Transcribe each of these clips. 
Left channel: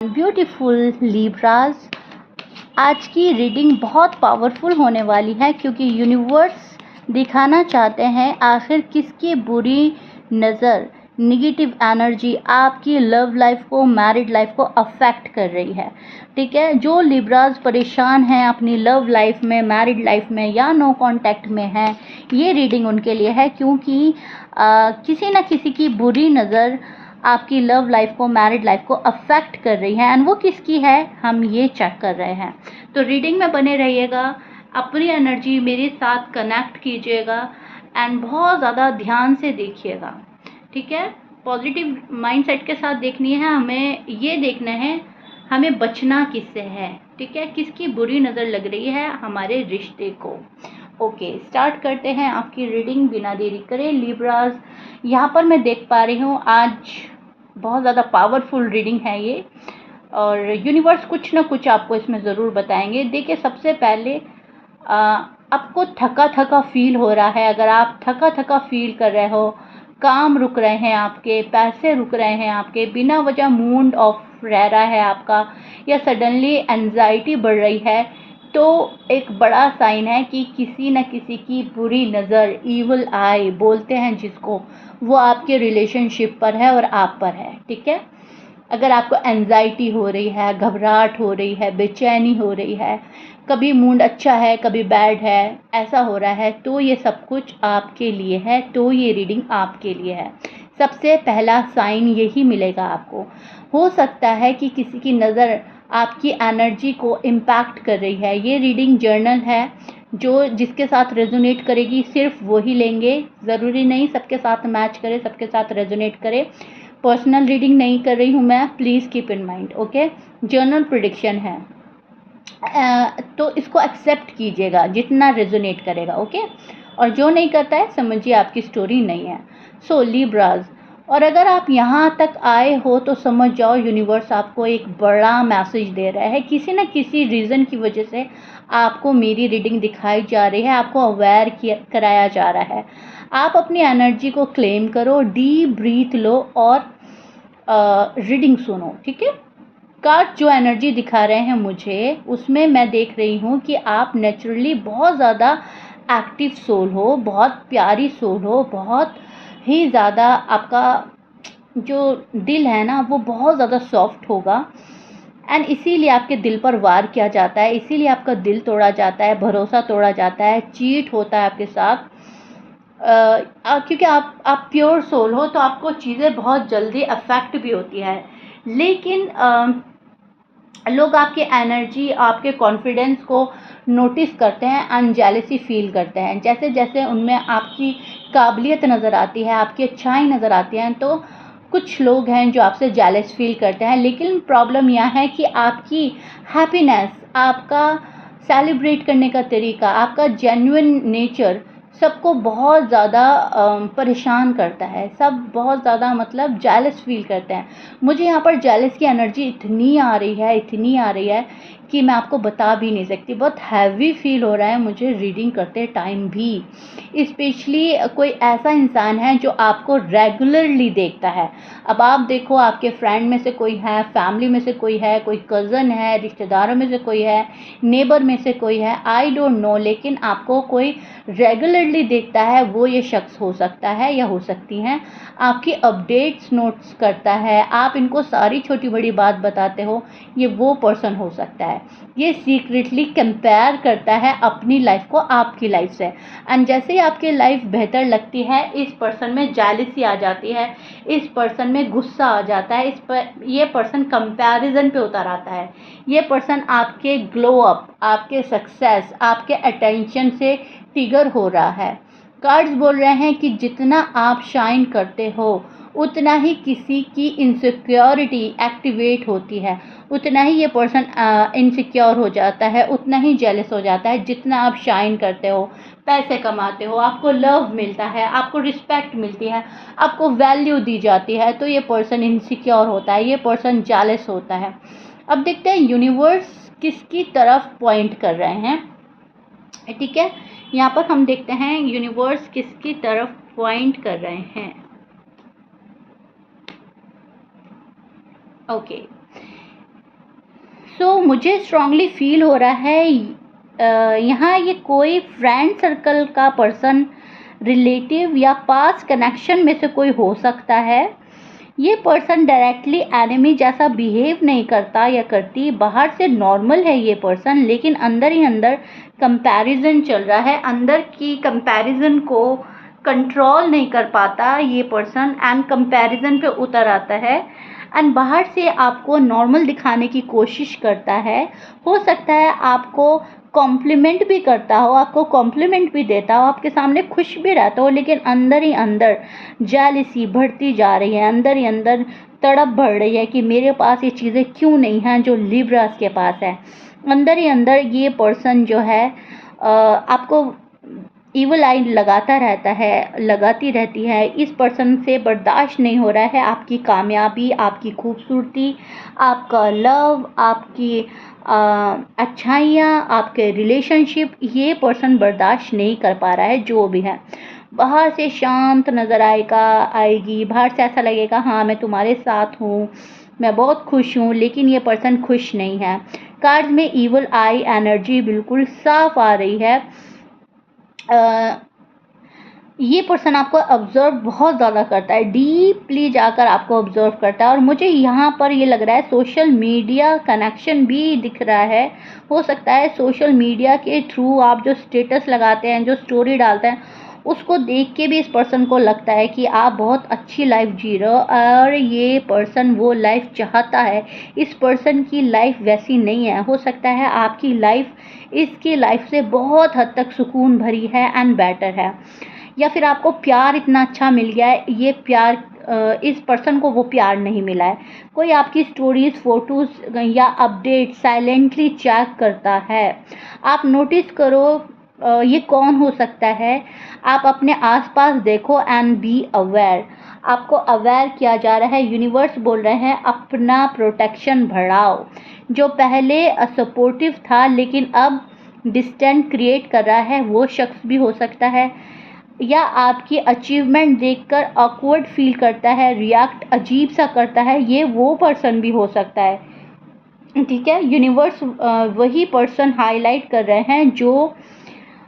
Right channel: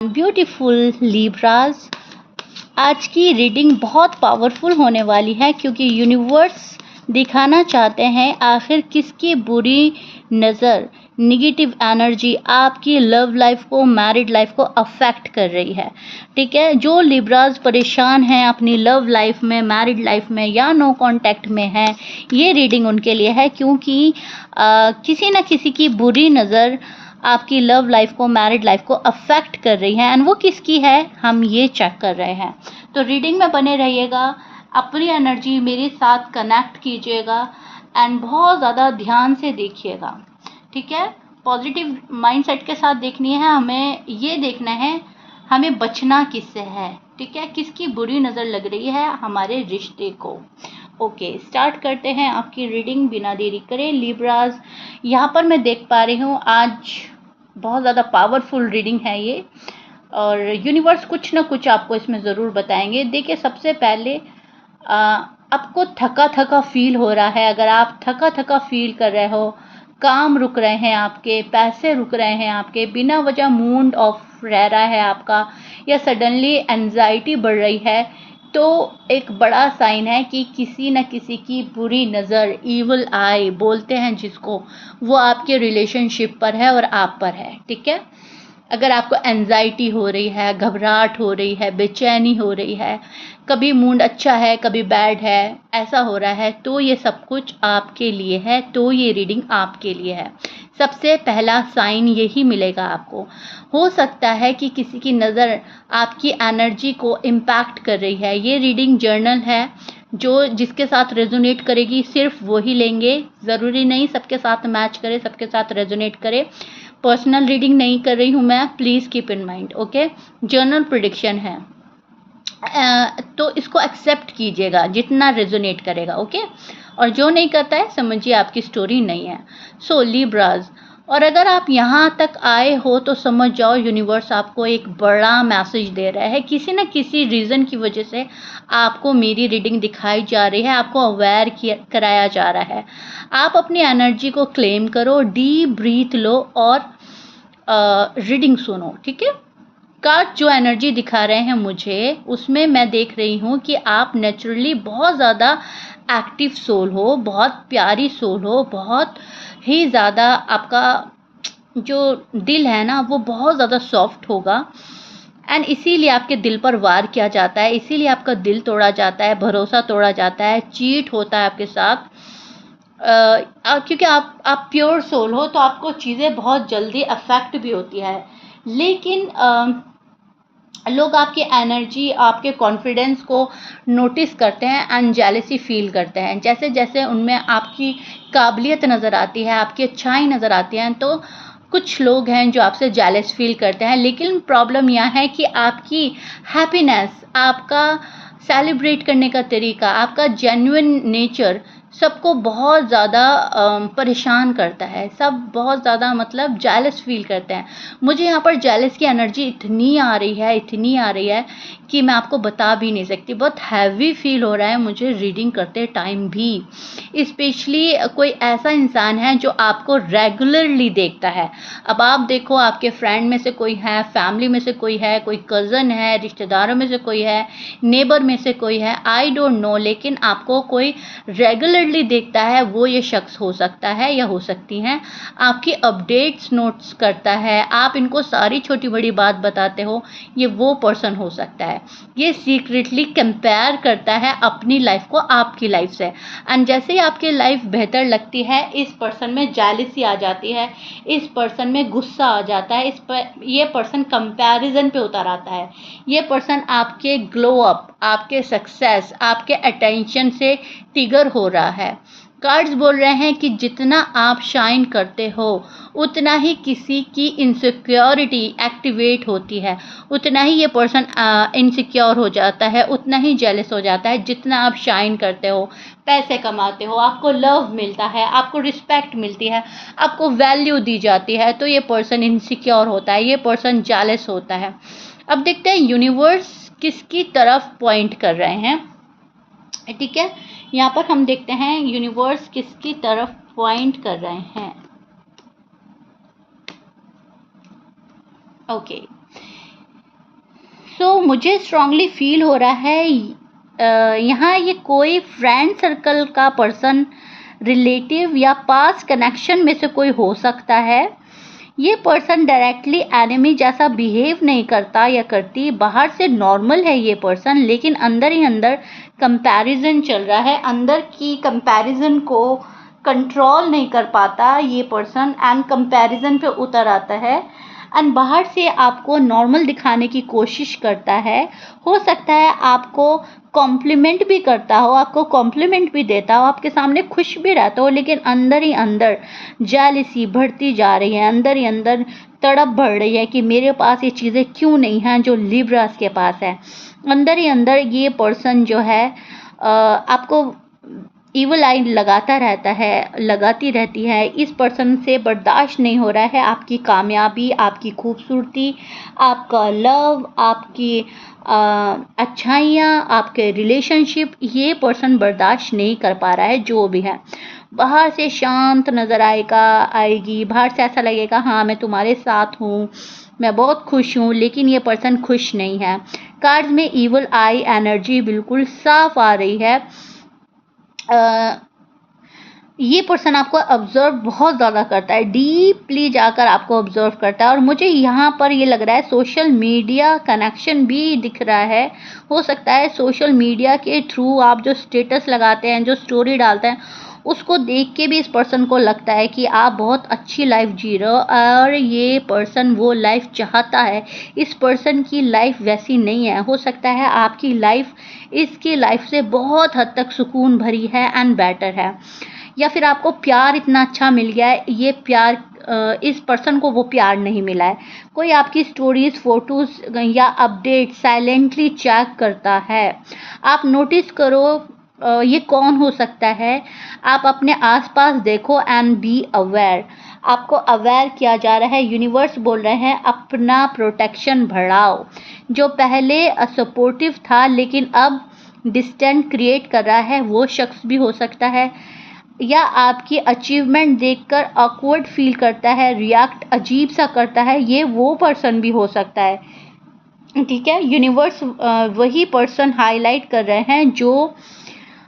Beautiful लिब्राज, आज की reading बहुत पावरफुल होने वाली है क्योंकि यूनिवर्स दिखाना चाहते हैं आखिर किसकी बुरी नज़र, निगेटिव एनर्जी आपकी लव लाइफ को, मैरिड लाइफ को अफेक्ट कर रही है। ठीक है, जो लिब्राज परेशान हैं अपनी लव लाइफ में, मैरिड लाइफ में या नो कांटेक्ट में हैं, ये रीडिंग उनके लिए है क्योंकि किसी न किसी की बुरी नज़र आपकी लव लाइफ को, मैरिड लाइफ को अफेक्ट कर रही है। एंड वो किसकी है, हम ये चेक कर रहे हैं। तो रीडिंग में बने रहिएगा, अपनी एनर्जी मेरे साथ कनेक्ट कीजिएगा एंड बहुत ज़्यादा ध्यान से देखिएगा। ठीक है, पॉजिटिव माइंडसेट के साथ देखनी है हमें, ये देखना है हमें बचना किससे है। ठीक है, किसकी बुरी नज़र लग रही है हमारे रिश्ते को। ओके, स्टार्ट करते हैं आपकी रीडिंग बिना देरी करे। लिब्राज, यहाँ पर मैं देख पा रही हूँ आज बहुत ज़्यादा पावरफुल रीडिंग है ये, और यूनिवर्स कुछ ना कुछ आपको इसमें ज़रूर बताएंगे। देखिए, सबसे पहले आपको थका थका फील हो रहा है। अगर आप थका थका फील कर रहे हो, काम रुक रहे हैं आपके, पैसे रुक रहे हैं आपके, बिना वजह मूड ऑफ रह रहा है आपका, या सडनली एंजाइटी बढ़ रही है, तो एक बड़ा साइन है कि किसी न किसी की बुरी नज़र, ईवल आई बोलते हैं जिसको, वो आपके रिलेशनशिप पर है और आप पर है। ठीक है, अगर आपको एंजाइटी हो रही है, घबराहट हो रही है, बेचैनी हो रही है, कभी मूड अच्छा है कभी बैड है, ऐसा हो रहा है, तो ये सब कुछ आपके लिए है, तो ये रीडिंग आपके लिए है। सबसे पहला साइन यही मिलेगा आपको। हो सकता है कि किसी की नज़र आपकी एनर्जी को इम्पैक्ट कर रही है। ये रीडिंग जर्नल है, जो जिसके साथ रेजोनेट करेगी सिर्फ वो ही लेंगे, ज़रूरी नहीं सबके साथ मैच करे, सबके साथ रेजोनेट करे। पर्सनल रीडिंग नहीं कर रही हूँ मैं, please keep in mind. Okay, journal prediction है, तो इसको एक्सेप्ट कीजिएगा जितना रेजोनेट करेगा। ओके, और जो नहीं करता है समझिए आपकी स्टोरी नहीं है। सो लिब्राज, और अगर आप यहाँ तक आए हो तो समझ जाओ यूनिवर्स आपको एक बड़ा मैसेज दे रहा है। किसी न किसी रीज़न की वजह से आपको मेरी रीडिंग दिखाई जा रही है, आपको अवेयर कराया जा रहा है। आप अपनी एनर्जी को क्लेम करो, डीप ब्रीथ लो और रीडिंग सुनो। ठीक है, कार्ड जो एनर्जी दिखा रहे हैं मुझे, उसमें मैं देख रही हूँ कि आप नेचुरली बहुत ज़्यादा एक्टिव सोल हो, बहुत प्यारी सोल हो, बहुत ही ज़्यादा आपका जो दिल है ना वो बहुत ज़्यादा सॉफ्ट होगा। एंड इसीलिए आपके दिल पर वार किया जाता है, इसीलिए आपका दिल तोड़ा जाता है, भरोसा तोड़ा जाता है, चीट होता है आपके साथ। क्योंकि आप प्योर सोल हो, तो आपको चीज़ें बहुत जल्दी अफेक्ट भी होती है। लेकिन लोग आपकी एनर्जी, आपके कॉन्फिडेंस को नोटिस करते हैं एंड जेलसी फील करते हैं। जैसे जैसे उनमें आपकी काबिलियत नज़र आती है, आपकी अच्छाई नज़र आती है, तो कुछ लोग हैं जो आपसे जेलस फील करते हैं। लेकिन प्रॉब्लम यह है कि आपकी हैप्पीनेस, आपका सेलिब्रेट करने का तरीका, आपका जेन्युइन नेचर सबको बहुत ज़्यादा परेशान करता है। सब बहुत ज़्यादा मतलब जेलस फील करते हैं। मुझे यहाँ पर जेलस की एनर्जी इतनी आ रही है, इतनी आ रही है कि मैं आपको बता भी नहीं सकती। बहुत हैवी फील हो रहा है मुझे रीडिंग करते टाइम भी। स्पेशली कोई ऐसा इंसान है जो आपको रेगुलरली देखता है। अब आप देखो, आपके फ्रेंड में से कोई है, फैमिली में से कोई है, कोई कज़न है, रिश्तेदारों में से कोई है, नेबर में से कोई है, आई डोंट नो, लेकिन आपको कोई रेगुलरली देखता है। वो ये शख्स हो सकता है या हो सकती हैं, आपकी अपडेट्स नोट्स करता है, आप इनको सारी छोटी बड़ी बात बताते हो, ये वो पर्सन हो सकता है। ये सीक्रेटली कंपेयर करता है अपनी लाइफ को आपकी लाइफ से। एंड जैसे ही आपकी लाइफ बेहतर लगती है, इस पर्सन में जेलसी आ जाती है, इस पर्सन में गुस्सा आ जाता है, ये पर्सन कंपैरिजन पे उतर आता है। ये पर्सन आपके ग्लो अप, आपके सक्सेस, आपके अटेंशन से ट्रिगर हो रहा है। कार्ड्स बोल रहे हैं कि जितना आप शाइन करते हो, उतना ही किसी की इनसिक्योरिटी एक्टिवेट होती है, उतना ही ये पर्सन इनसिक्योर हो जाता है, उतना ही जेलस हो जाता है। जितना आप शाइन करते हो, पैसे कमाते हो, आपको लव मिलता है, आपको रिस्पेक्ट मिलती है, आपको वैल्यू दी जाती है, तो ये पर्सन इनसिक्योर होता है, ये पर्सन जेलस होता है। अब देखते हैं यूनिवर्स किसकी तरफ पॉइंट कर रहे हैं। ठीक है, यहाँ पर हम देखते हैं यूनिवर्स किसकी तरफ पॉइंट कर रहे हैं। ओके, मुझे स्ट्रांगली फील हो रहा है यहाँ ये कोई फ्रेंड सर्कल का पर्सन, रिलेटिव या पास्ट कनेक्शन में से कोई हो सकता है। ये पर्सन डायरेक्टली एनिमी जैसा बिहेव नहीं करता या करती, बाहर से नॉर्मल है ये पर्सन, लेकिन अंदर ही अंदर कंपैरिजन चल रहा है, अंदर की कंपैरिजन को कंट्रोल नहीं कर पाता ये पर्सन एंड कंपैरिजन पे उतर आता है एंड बाहर से आपको नॉर्मल दिखाने की कोशिश करता है। हो सकता है आपको कॉम्प्लीमेंट भी करता हो, आपको कॉम्प्लीमेंट भी देता हो, आपके सामने खुश भी रहता हो, लेकिन अंदर ही अंदर जेलसी बढ़ती जा रही है, अंदर ही अंदर तड़प बढ़ रही है कि मेरे पास ये चीज़ें क्यों नहीं हैं जो लिब्रास के पास है। अंदर ही अंदर ये पर्सन जो है आपको ईवल आई लगाती रहती है। इस पर्सन से बर्दाश्त नहीं हो रहा है आपकी कामयाबी, आपकी खूबसूरती, आपका लव, आपकी अच्छाइयाँ, आपके रिलेशनशिप। ये पर्सन बर्दाश्त नहीं कर पा रहा है जो भी है। बाहर से शांत नज़र आएगी, बाहर से ऐसा लगेगा हाँ मैं तुम्हारे साथ हूँ, मैं बहुत खुश हूँ, लेकिन ये पर्सन खुश नहीं है। कार्ड्स में ईवल आई एनर्जी बिल्कुल साफ आ रही है। ये पर्सन आपको ऑब्जर्व बहुत ज़्यादा करता है, डीपली जाकर आपको ऑब्जर्व करता है। और मुझे यहाँ पर ये लग रहा है सोशल मीडिया कनेक्शन भी दिख रहा है। हो सकता है सोशल मीडिया के थ्रू आप जो स्टेटस लगाते हैं, जो स्टोरी डालते हैं, उसको देख के भी इस पर्सन को लगता है कि आप बहुत अच्छी लाइफ जी रहे हो और ये पर्सन वो लाइफ चाहता है। इस पर्सन की लाइफ वैसी नहीं है। हो सकता है आपकी लाइफ इसकी लाइफ से बहुत हद तक सुकून भरी है एंड बेटर है, या फिर आपको प्यार इतना अच्छा मिल गया है, ये प्यार इस पर्सन को वो प्यार नहीं मिला है। कोई आपकी स्टोरीज, फोटोज़ या अपडेट साइलेंटली चेक करता है। आप नोटिस करो ये कौन हो सकता है। आप अपने आसपास देखो एंड बी अवेयर। आपको अवेयर किया जा रहा है। यूनिवर्स बोल रहे हैं अपना प्रोटेक्शन बढ़ाओ। जो पहले सपोर्टिव था लेकिन अब डिस्टेंस क्रिएट कर रहा है, वो शख्स भी हो सकता है, या आपकी अचीवमेंट देखकर ऑकवर्ड फील करता है, रिएक्ट अजीब सा करता है, ये वो पर्सन भी हो सकता है। ठीक है, यूनिवर्स वही पर्सन हाईलाइट कर रहे हैं जो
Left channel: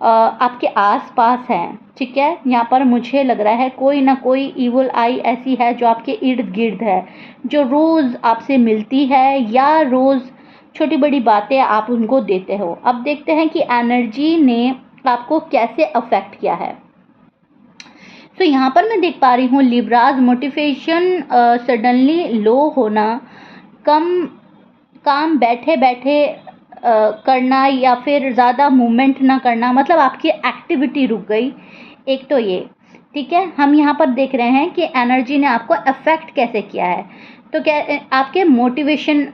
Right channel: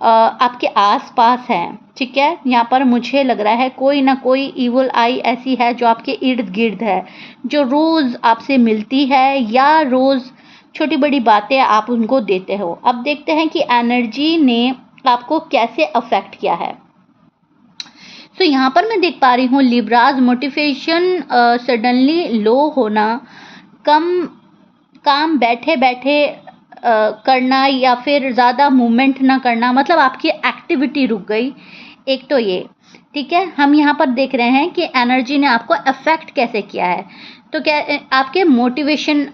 आपके आसपास हैं। ठीक है, यहाँ पर मुझे लग रहा है कोई ना कोई ईवल आई ऐसी है जो आपके इर्द गिर्द है, जो रोज़ आपसे मिलती है या रोज़ छोटी बड़ी बातें आप उनको देते हो। अब देखते हैं कि एनर्जी ने आपको कैसे अफेक्ट किया है। तो यहाँ पर मैं देख पा रही हूँ लिब्राज, मोटिवेशन सडनली लो होना, काम बैठे बैठे करना या फिर ज़्यादा मूवमेंट ना करना, मतलब आपकी एक्टिविटी रुक गई। एक तो ये, ठीक है। हम यहाँ पर देख रहे हैं कि एनर्जी ने आपको अफेक्ट कैसे किया है। तो क्या आपके मोटिवेशन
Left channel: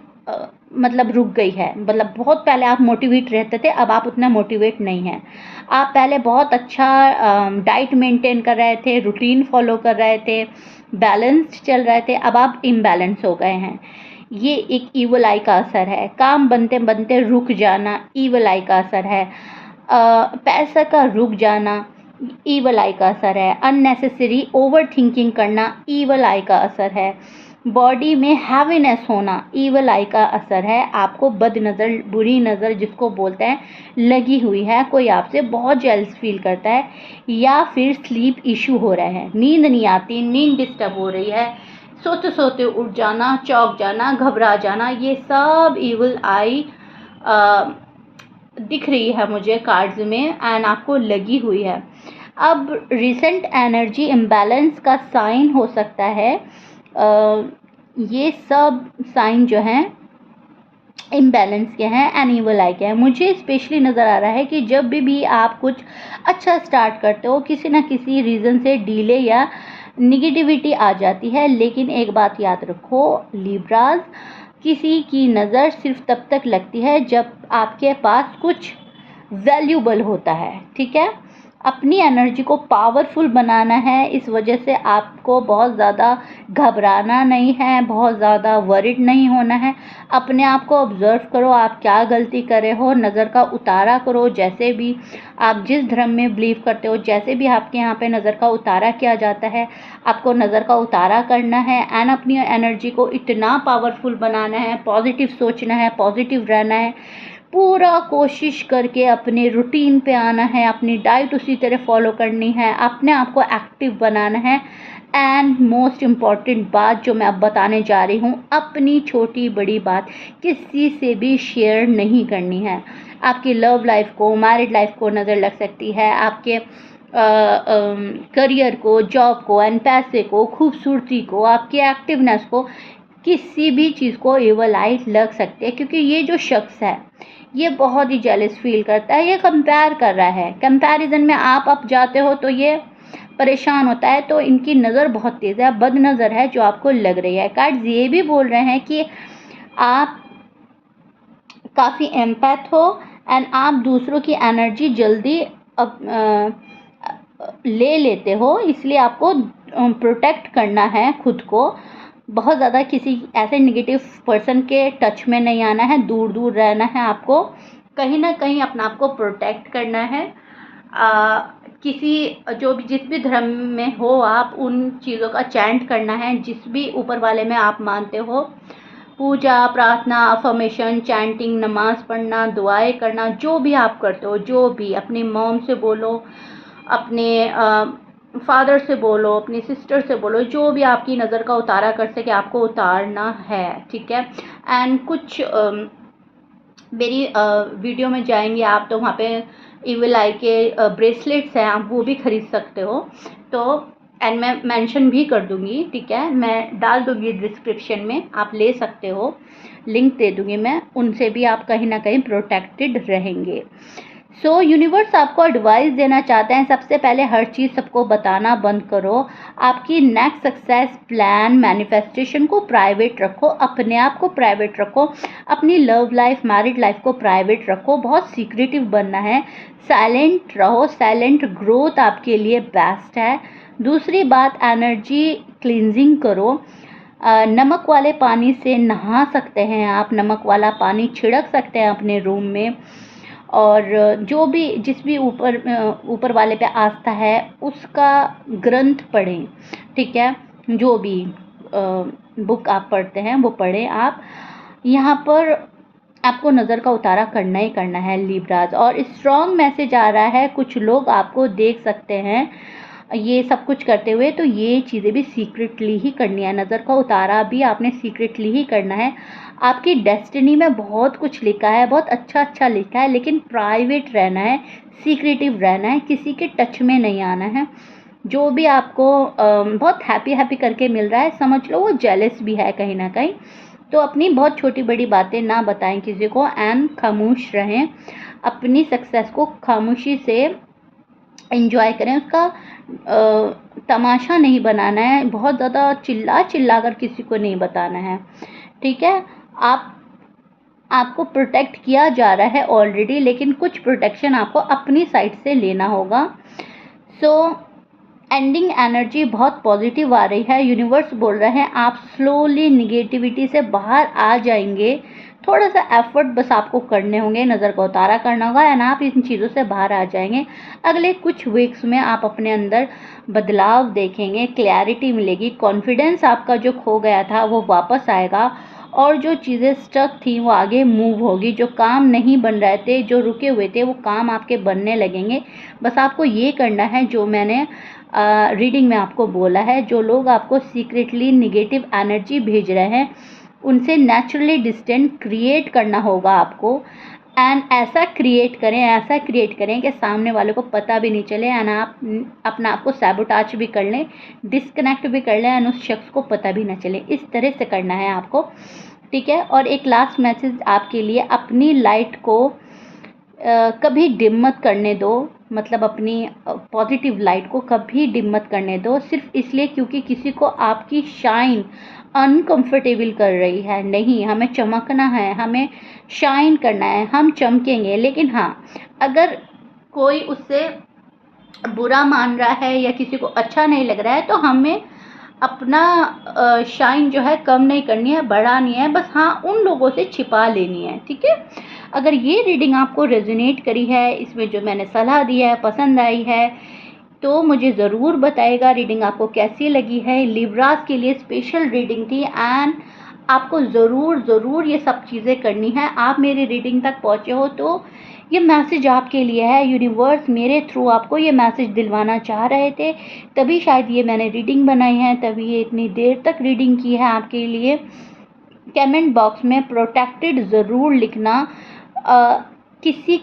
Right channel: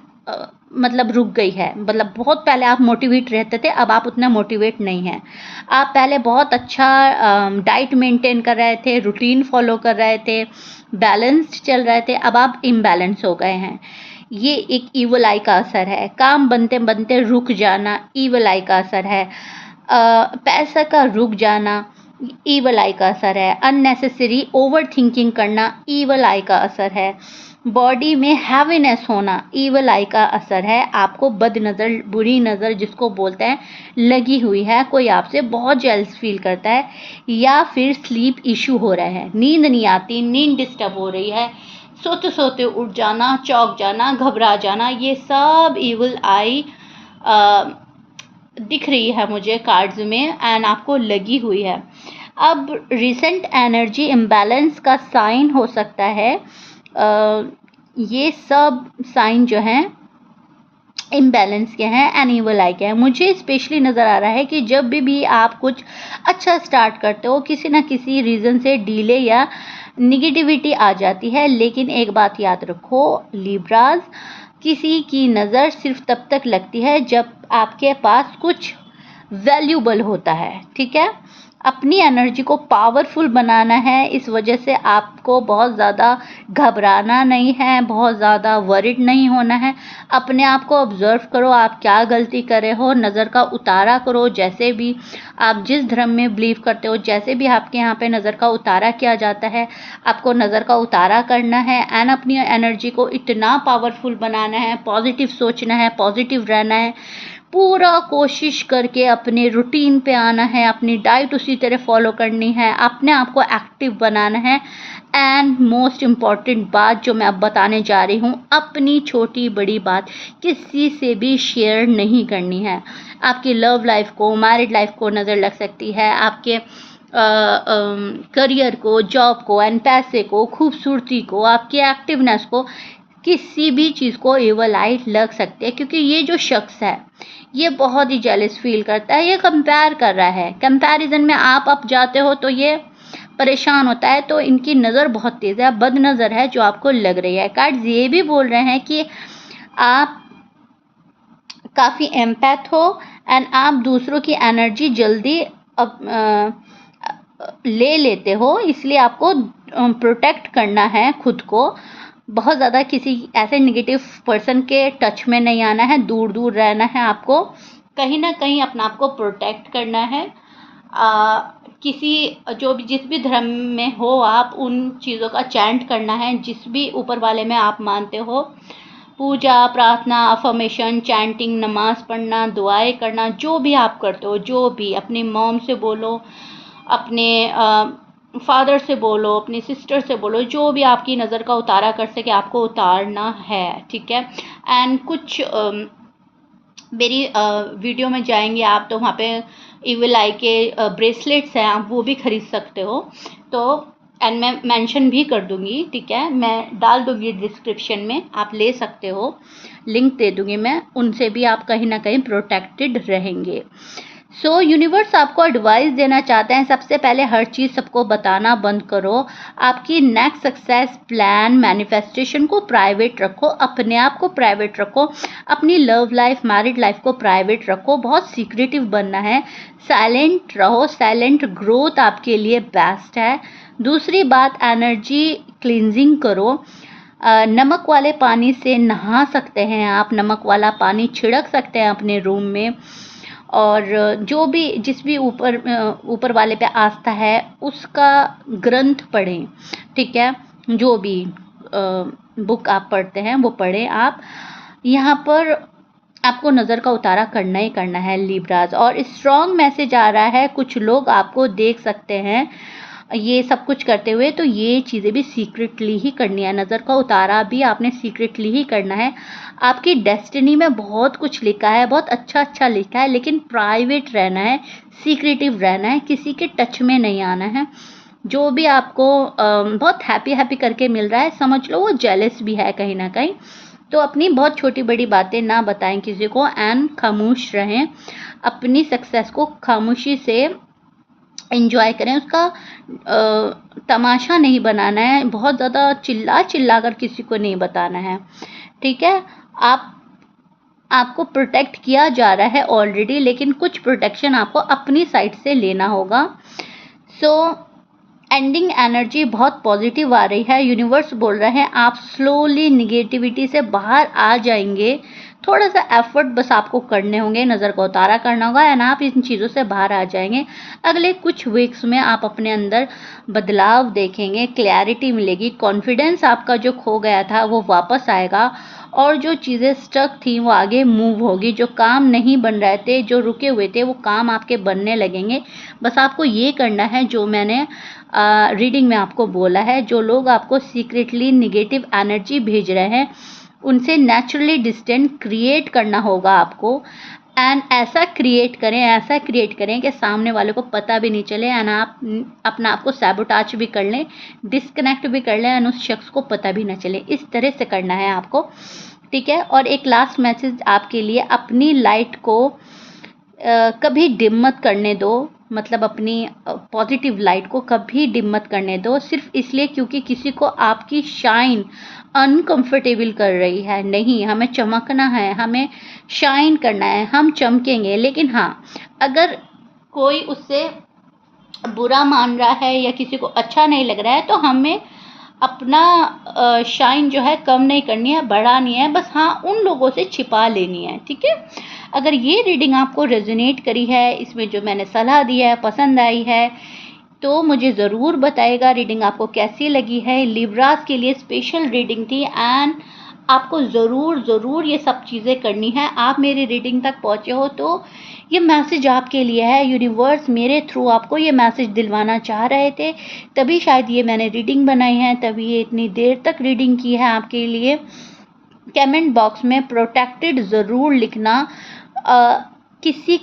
मतलब रुक गई है, मतलब बहुत पहले आप मोटिवेट रहते थे, अब आप उतना मोटिवेट नहीं हैं। आप पहले बहुत अच्छा डाइट मेंटेन कर रहे थे, रूटीन फॉलो कर रहे थे, बैलेंस्ड चल रहे थे, अब आप इम्बैलेंस हो गए हैं। ये एक ईवल आई का असर है। काम बनते बनते रुक जाना, ईवल आई का असर है। पैसा का रुक जाना, ईवल आई का असर है। अननेसेसरी ओवर थिंकिंग करना, ईवल आई का असर है। बॉडी में हैवीनेस होना, ईवल आई का असर है। आपको बद नज़र, बुरी नज़र जिसको बोलते हैं, लगी हुई है। कोई आपसे बहुत जेलस फील करता है, या फिर स्लीप इशू हो रहा है, नींद नहीं आती, नींद डिस्टर्ब हो रही है, सोते सोते उठ जाना, चौंक जाना, घबरा जाना, ये सब ईवल आई दिख रही है मुझे कार्ड्स में एंड आपको लगी हुई है। अब रिसेंट एनर्जी इम्बैलेंस का साइन हो सकता है। ये सब साइन जो हैं इम्बैलेंस के हैं, एनिवल आई के हैं। मुझे स्पेशली नज़र आ रहा है कि जब भी आप कुछ अच्छा स्टार्ट करते हो, किसी ना किसी रीज़न से डिले या निगेटिविटी आ जाती है। लेकिन एक बात याद रखो लिब्राज, किसी की नज़र सिर्फ तब तक लगती है जब आपके पास कुछ वैल्यूबल होता है। ठीक है, अपनी एनर्जी को पावरफुल बनाना है। इस वजह से आपको बहुत ज़्यादा घबराना नहीं है, बहुत ज़्यादा वरिड नहीं होना है। अपने आप को ऑब्ज़र्व करो, आप क्या गलती कर रहे हो, नज़र का उतारा करो। जैसे भी आप जिस धर्म में बिलीव करते हो, जैसे भी आपके यहाँ पे नज़र का उतारा किया जाता है, आपको नज़र का उतारा करना है एंड अपनी एनर्जी को इतना पावरफुल बनाना है, पॉजिटिव सोचना है, पॉजिटिव रहना है। पूरा कोशिश करके अपने रूटीन पे आना है, अपनी डाइट उसी तरह फॉलो करनी है, अपने आप को एक्टिव बनाना है। एंड मोस्ट इम्पॉर्टेंट बात जो मैं अब बताने जा रही हूँ, अपनी छोटी बड़ी बात किसी से भी शेयर नहीं करनी है। आपकी लव लाइफ को, मैरिड लाइफ को नज़र लग सकती है, आपके करियर को, जॉब को एंड पैसे को, खूबसूरती को, आपकी एक्टिवनेस को, किसी भी चीज़ को एवल आई लग सकती है। क्योंकि ये जो शख्स है ये बहुत ही जेलस फील करता है, ये कंपेयर कर रहा है। कंपैरिजन में आप अप जाते हो तो ये परेशान होता है। तो इनकी नज़र बहुत तेज़ है, बद नज़र है जो आपको लग रही है। कार्ड्स ये भी बोल रहे हैं कि आप काफ़ी एम्पैथ हो एंड आप दूसरों की एनर्जी जल्दी ले लेते हो, इसलिए आपको प्रोटेक्ट करना है खुद को। बहुत ज़्यादा किसी ऐसे नेगेटिव पर्सन के टच में नहीं आना है, दूर दूर रहना है। आपको कहीं ना कहीं अपना आप को प्रोटेक्ट करना है। किसी जो भी जिस भी धर्म में हो आप, उन चीज़ों का चैंट करना है जिस भी ऊपर वाले में आप मानते हो। पूजा, प्रार्थना, अफर्मेशन, चैंटिंग, नमाज पढ़ना, दुआएं करना, जो भी आप करते हो, जो भी अपनी मॉम से बोलो, अपने फादर से बोलो, अपनी सिस्टर से बोलो, जो भी आपकी नज़र का उतारा कर सके आपको उतारना है, ठीक है। एंड कुछ मेरी वीडियो में जाएंगे आप तो वहाँ पे इविल आई के ब्रेसलेट्स हैं, आप वो भी खरीद सकते हो। तो एंड मैं मेंशन भी कर दूँगी, ठीक है, मैं डाल दूँगी डिस्क्रिप्शन में, आप ले सकते हो, लिंक दे दूँगी मैं, उनसे भी आप कहीं ना कहीं प्रोटेक्टेड रहेंगे। सो यूनिवर्स आपको एडवाइस देना चाहते हैं, सबसे पहले हर चीज़ सबको बताना बंद करो। आपकी नेक्स्ट सक्सेस प्लान, मैनिफेस्टेशन को प्राइवेट रखो, अपने आप को प्राइवेट रखो, अपनी लव लाइफ, मैरिड लाइफ को प्राइवेट रखो। बहुत सीक्रेटिव बनना है, साइलेंट रहो, साइलेंट ग्रोथ आपके लिए बेस्ट है। दूसरी बात, एनर्जी क्लींजिंग करो। नमक वाले पानी से नहा सकते हैं आप, नमक वाला पानी छिड़क सकते हैं अपने रूम में। और जो भी जिस भी ऊपर वाले पे आस्था है उसका ग्रंथ पढ़ें, ठीक है। जो भी बुक आप पढ़ते हैं वो पढ़ें आप। यहाँ पर आपको नज़र का उतारा करना ही करना है लिब्राज। और स्ट्रॉन्ग मैसेज आ रहा है, कुछ लोग आपको देख सकते हैं ये सब कुछ करते हुए, तो ये चीज़ें भी सीक्रेटली ही करनी है। नज़र का उतारा भी आपने सीक्रेटली ही करना है। आपकी डेस्टिनी में बहुत कुछ लिखा है, बहुत अच्छा अच्छा लिखा है, लेकिन प्राइवेट रहना है, सीक्रेटिव रहना है, किसी के टच में नहीं आना है। जो भी आपको बहुत हैप्पी हैप्पी करके मिल रहा है, समझ लो वो जेलस भी है कहीं ना कहीं। तो अपनी बहुत छोटी बड़ी बातें ना बताएं किसी को एंड खामोश रहें। अपनी सक्सेस को खामोशी से एंजॉय करें, उसका तमाशा नहीं बनाना है, बहुत ज़्यादा चिल्ला चिल्ला कर किसी को नहीं बताना है, ठीक है। आपको प्रोटेक्ट किया जा रहा है ऑलरेडी, लेकिन कुछ प्रोटेक्शन आपको अपनी साइड से लेना होगा। सो एंडिंग एनर्जी बहुत पॉजिटिव आ रही है, यूनिवर्स बोल रहे हैं आप स्लोली निगेटिविटी से बाहर आ जाएंगे। थोड़ा सा एफर्ट बस आपको करने होंगे, नज़र का उतारा करना होगा एंड आप इन चीज़ों से बाहर आ जाएंगे। अगले कुछ वीक्स में आप अपने अंदर बदलाव देखेंगे, क्लैरिटी मिलेगी, कॉन्फिडेंस आपका जो खो गया था वो वापस आएगा और जो चीज़ें स्टक थी वो आगे मूव होगी। जो काम नहीं बन रहे थे, जो रुके हुए थे, वो काम आपके बनने लगेंगे। बस आपको ये करना है जो मैंने रीडिंग में आपको बोला है। जो लोग आपको सीक्रेटली निगेटिव एनर्जी भेज रहे हैं उनसे नेचुरली डिस्टेंस क्रिएट करना होगा आपको। एंड ऐसा क्रिएट करें कि सामने वाले को पता भी नहीं चले एंड आप अपना आपको सैबोटाज भी कर लें, डिस्कनेक्ट भी कर लें एंड उस शख्स को पता भी ना चले। इस तरह से करना है आपको, ठीक है। और एक लास्ट मैसेज आपके लिए, अपनी लाइट को कभी डिम मत करने दो, मतलब अपनी पॉजिटिव लाइट को कभी डिम मत करने दो, सिर्फ इसलिए क्योंकि किसी को आपकी शाइन अनकंफर्टेबल कर रही है। नहीं, हमें चमकना है, हमें शाइन करना है, हम चमकेंगे। लेकिन हाँ, अगर कोई उससे बुरा मान रहा है या किसी को अच्छा नहीं लग रहा है, तो हमें अपना शाइन जो है कम नहीं करनी है, बढ़ानी है, बस हाँ उन लोगों से छिपा लेनी है, ठीक है। अगर ये रीडिंग आपको रेजोनेट करी है, इसमें जो मैंने सलाह दी है पसंद आई है, तो मुझे ज़रूर बताइएगा रीडिंग आपको कैसी लगी है। लिब्रास के लिए स्पेशल रीडिंग थी एंड आपको ज़रूर ये सब चीज़ें करनी है। आप मेरी रीडिंग तक पहुँचे हो तो ये मैसेज आपके लिए है। यूनिवर्स मेरे थ्रू आपको ये मैसेज दिलवाना चाह रहे थे, तभी शायद ये मैंने रीडिंग बनाई है, तभी ये इतनी देर तक रीडिंग की है आपके लिए। कमेंट बॉक्स में प्रोटेक्टेड ज़रूर लिखना। किसी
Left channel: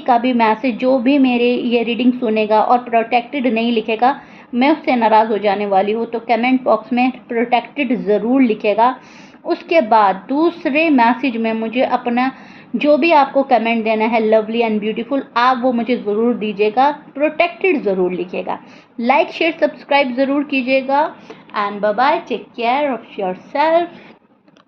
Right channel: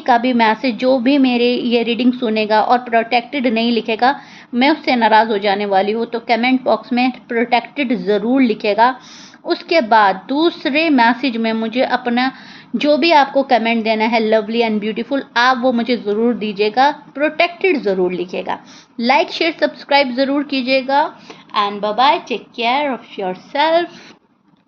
का भी मैसेज जो भी मेरे ये रीडिंग सुनेगा और प्रोटेक्टेड नहीं लिखेगा, मैं उससे नाराज़ हो जाने वाली हूँ। तो कमेंट बॉक्स में प्रोटेक्टेड ज़रूर लिखेगा। उसके बाद दूसरे मैसेज में मुझे अपना जो भी आपको कमेंट देना है लवली एंड ब्यूटीफुल, आप वो मुझे ज़रूर दीजिएगा, प्रोटेक्टेड ज़रूर लिखिएगा। लाइक शेयर सब्सक्राइब ज़रूर कीजिएगा and bye bye, take care of your self.